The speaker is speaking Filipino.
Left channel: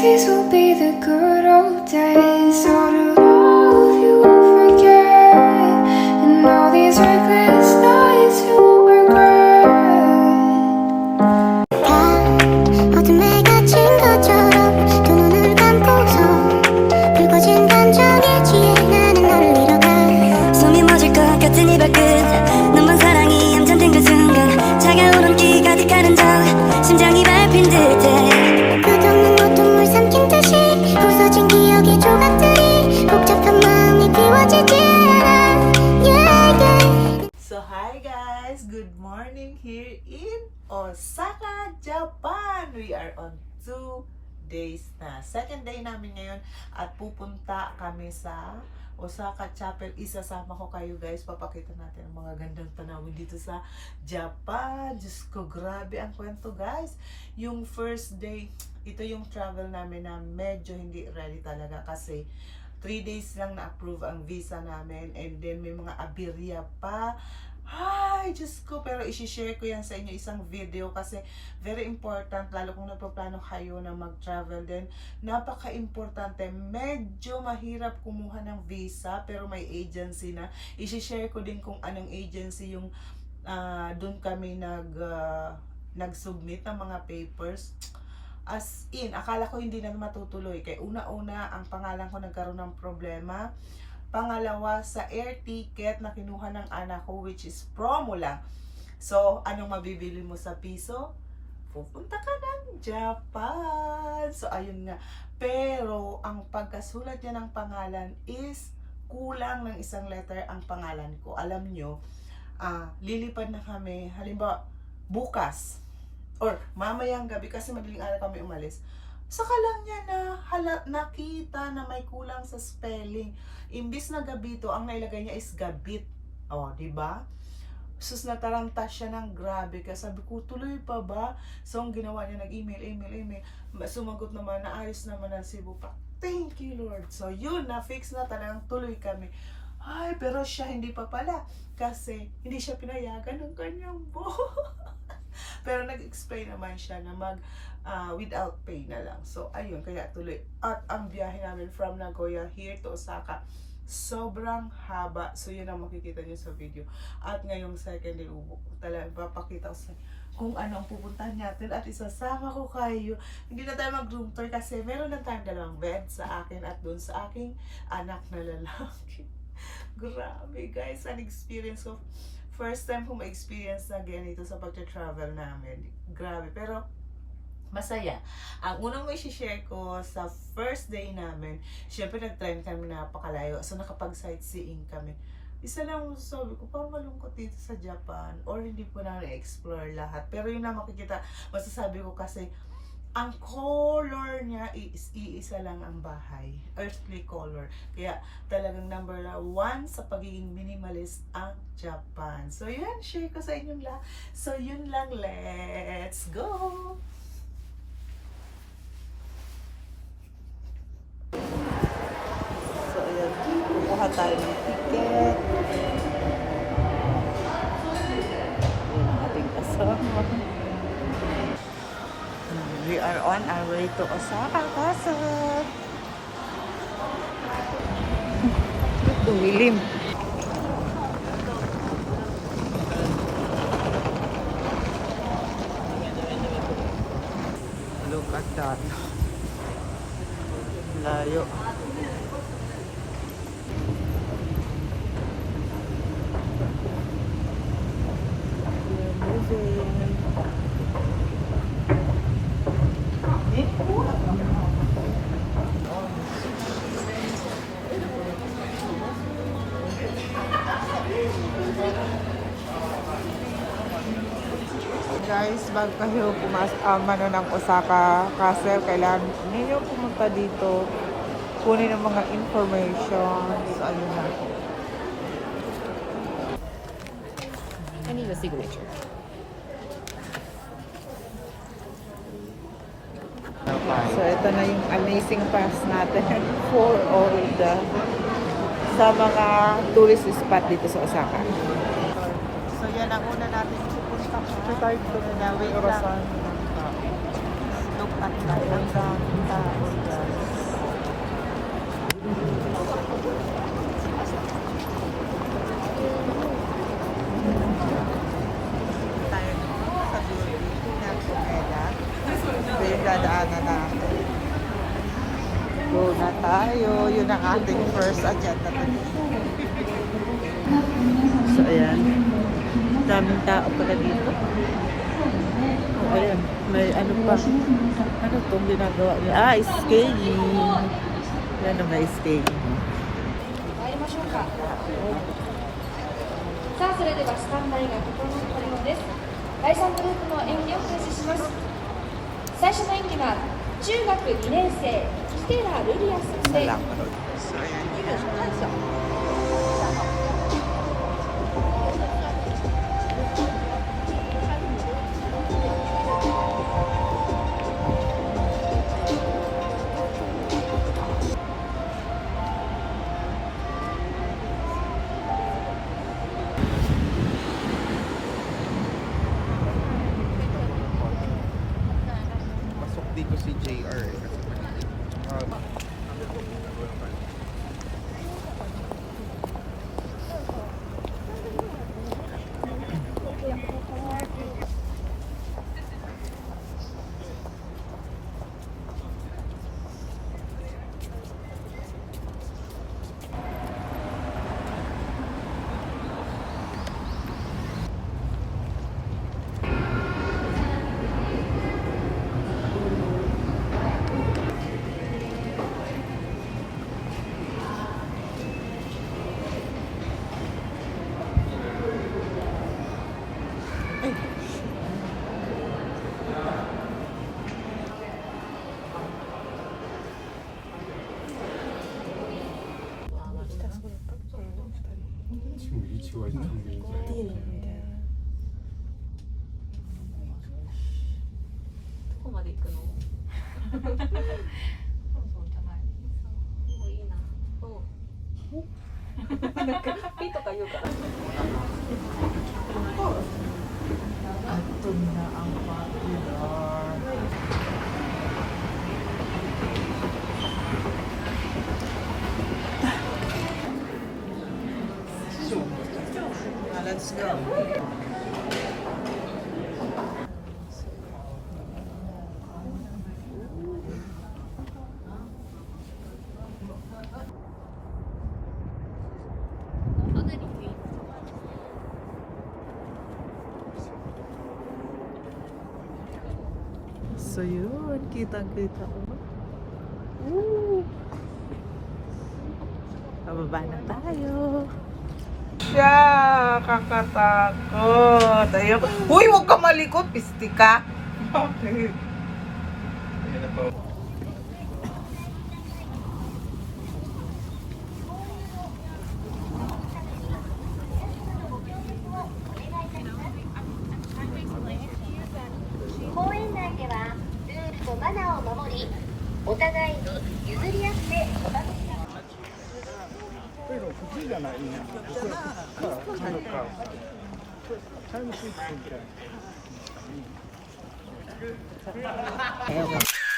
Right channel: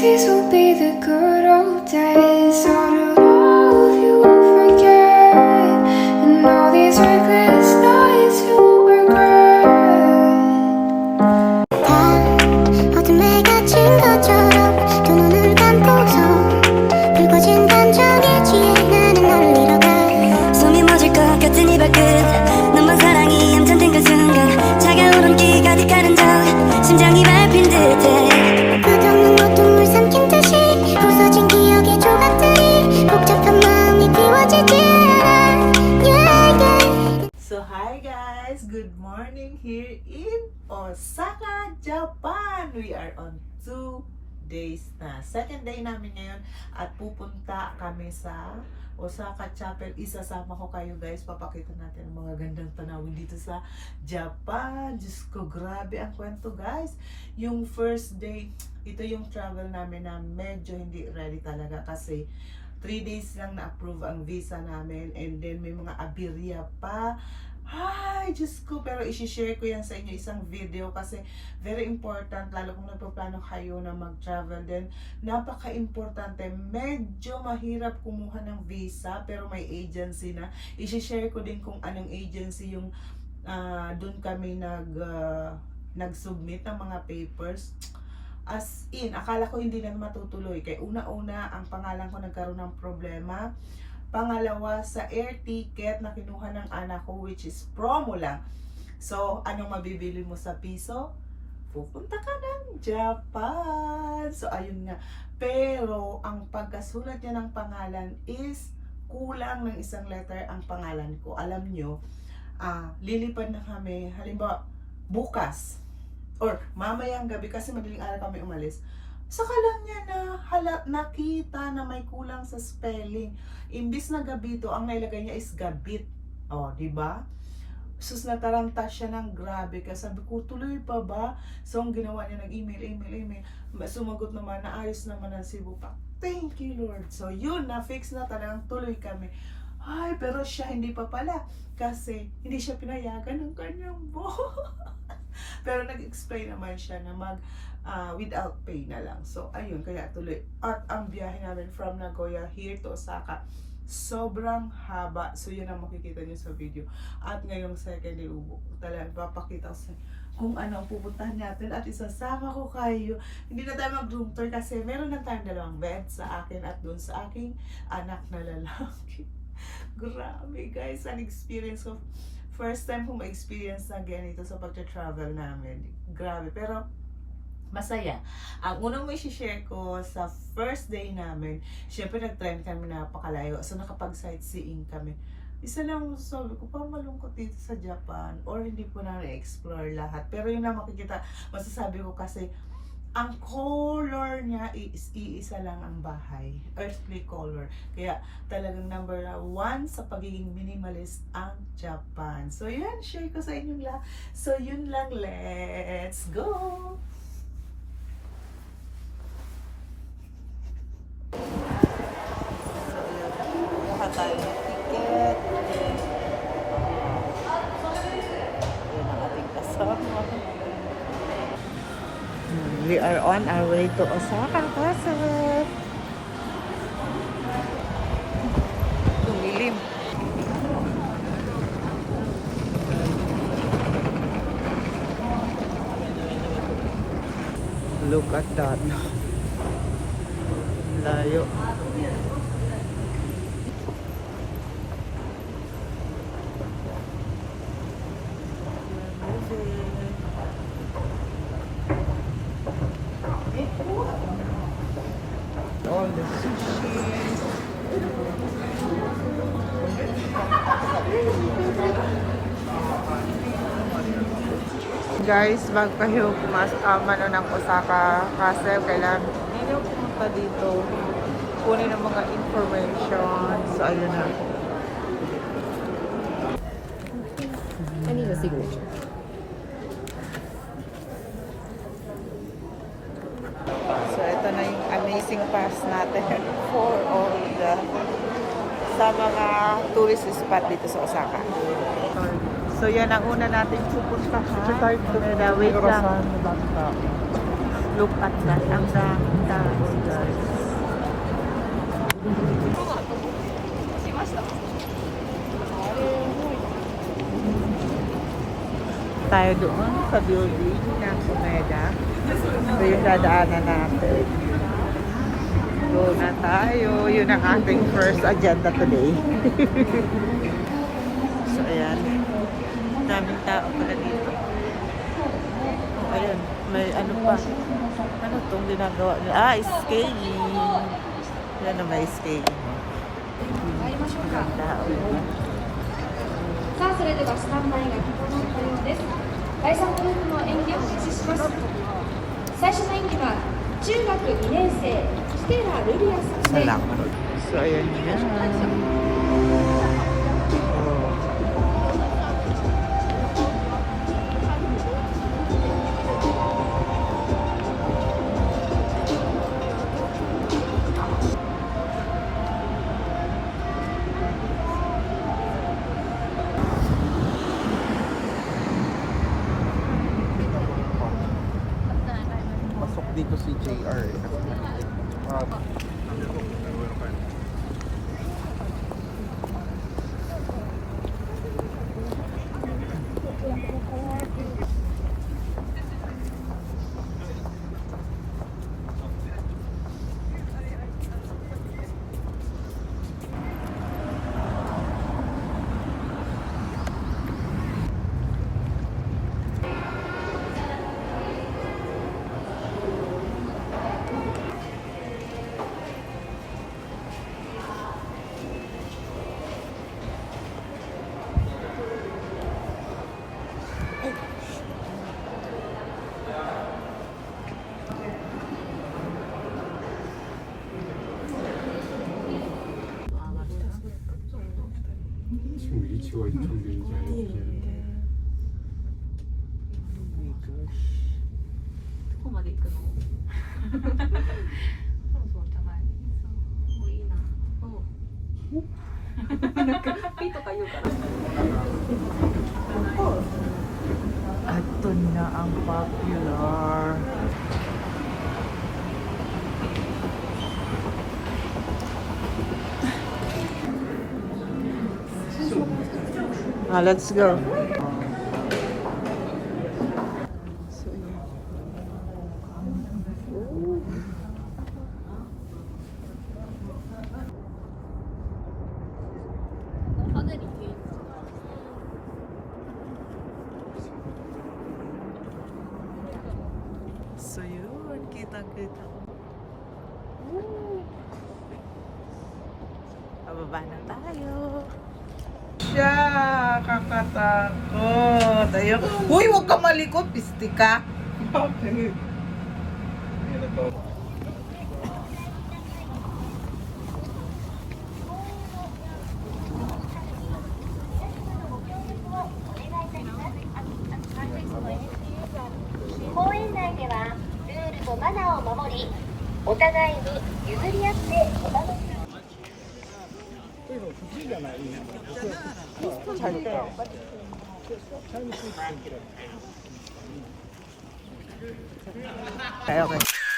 These will be the good old days. All the love you won't forget, and all these reckless nights you won't regret. 어둠에 갇힌 것처럼 두 눈을 감고서 붉어진 감정에 취해 나는 널 잃어가 숨이 멎을 것 같은 이 발끝 너만 사랑이 함정된 그 순간 차가운 온기 가득하는 저 심장이 밟힌 듯해 끝없는 고통을 삼킨 듯이 부서진 기억의 조각들이 복잡한 마음이 비워지지 않아 yeah, yeah. So hi guys, good morning here in Osaka, Japan. We are on 2 days na. Second day namin ngayon at pupunta kami sa Osaka Chapel. Isasama ko kayo guys. Papakita natin ang mga gandang tanawin dito sa Japan. Diyos ko, grabe ang kwento guys. Yung first day, ito yung travel namin na medyo hindi ready talaga kasi 3 days lang na-approve ang visa namin and then may mga aberya pa. Ay, Diyos ko, pero isi-share ko yan sa inyo isang video kasi very important, lalo kung nagpaplano kayo na mag-travel din. Napaka-importante, medyo mahirap kumuha ng visa pero may agency na. Isi-share ko din kung anong agency yung doon kami nag-submit ng mga papers. As in, akala ko hindi na matutuloy. Kaya una-una, ang pangalan ko nagkaroon ng problema. Pangalawa, sa air ticket na kinuha ng anak ko, which is promo lang. So, anong mabibili mo sa piso? Pupunta ka ng Japan. So, ayun nga. Pero, ang pagkasulat niya ng pangalan is kulang ng isang letter ang pangalan ko. Alam nyo, lilipad na kami, halimbawa, bukas or mamayang gabi kasi madaling araw kami umalis. Saka lang niya nakita na may kulang sa spelling. Imbis na gabito, ang nailagay niya is gabit. O, di ba? Sus, nataranta siya ng grabe. Kaya sabi ko, tuloy pa ba? So, ang ginawa niya, email. Sumagot naman, naayos naman ang Cebu pa. Thank you, Lord. So, yun, na-fix na talagang tuloy kami. Ay, pero siya hindi pa pala. Kasi, hindi siya pinayagan ng kanyang boss. Pero nag-explain naman siya na without pay na lang. So, ayun, kaya tuloy. At ang biyahe namin from Nagoya here to Osaka, sobrang haba. So, yun ang makikita nyo sa video. At ngayong second day, talagang papakita ko sa kung ano ang pupuntahan natin at isasama ko kayo. Hindi na tayo mag-room tour kasi meron na tayong dalawang bed sa akin at doon sa aking anak na lalaki. Grabe guys, ang experience ko. First time ko ma-experience na ganito sa pag-travel namin. Grabe, pero masaya. Ang unang may share ko sa first day namin, syempre nag-trend kami napakalayo. So nakapag-sightseeing kami. Isa lang sabi ko, parang malungkot dito sa Japan or hindi po na na-explore lahat. Pero yun na makikita, masasabi ko kasi ang color niya is iisa lang ang bahay. Earthly color. Kaya talagang number 1 sa pagiging minimalist ang Japan. So yun, share ko sa inyong lahat. So yun lang, let's go! So ayan, kukuha tayo ng ticket. Ayan ang ating kasama. We are on our way to Osaka, Pasok. Dumilim. Look at that. Layo. We're moving. Guys, bago kayo ng Osaka kasi kailangan ninyo pumunta dito, kunin ang mga information. So, ayun na. I need a signature. So, ito na yung amazing pass natin for all the sa mga tourist spot dito sa Osaka. So, yan ang una natin pupuntahan. Wait lang. Look at that. Ang daming tao, guys. Tayo doon sa building ng Sumeda. Ito yung dadaanan natin. Doon na tayo. Yun ang ating first agenda today. So, ayan. Daming tao pala dito. Oh, ayan. May ano pa. Ano itong ginagawa nila? Ah, skating. Yan na may skating. Daming tao, diba? さあそれではスタンバイが整ったようです。第3グループの演技を開始します。最初の演技は中学2年生ステラ・ルリアさんで So, ayan yan. Pasok dito si JR kasi maliit. 지금 위치가 좀 굉장히 Ito na ang popular. Let's go. So yun, kitang-kita ko. Pababa na tayo. Siya, kakatakot. Ayun. Uy, huwag ka malikot, pisti ka. Okay. Okay.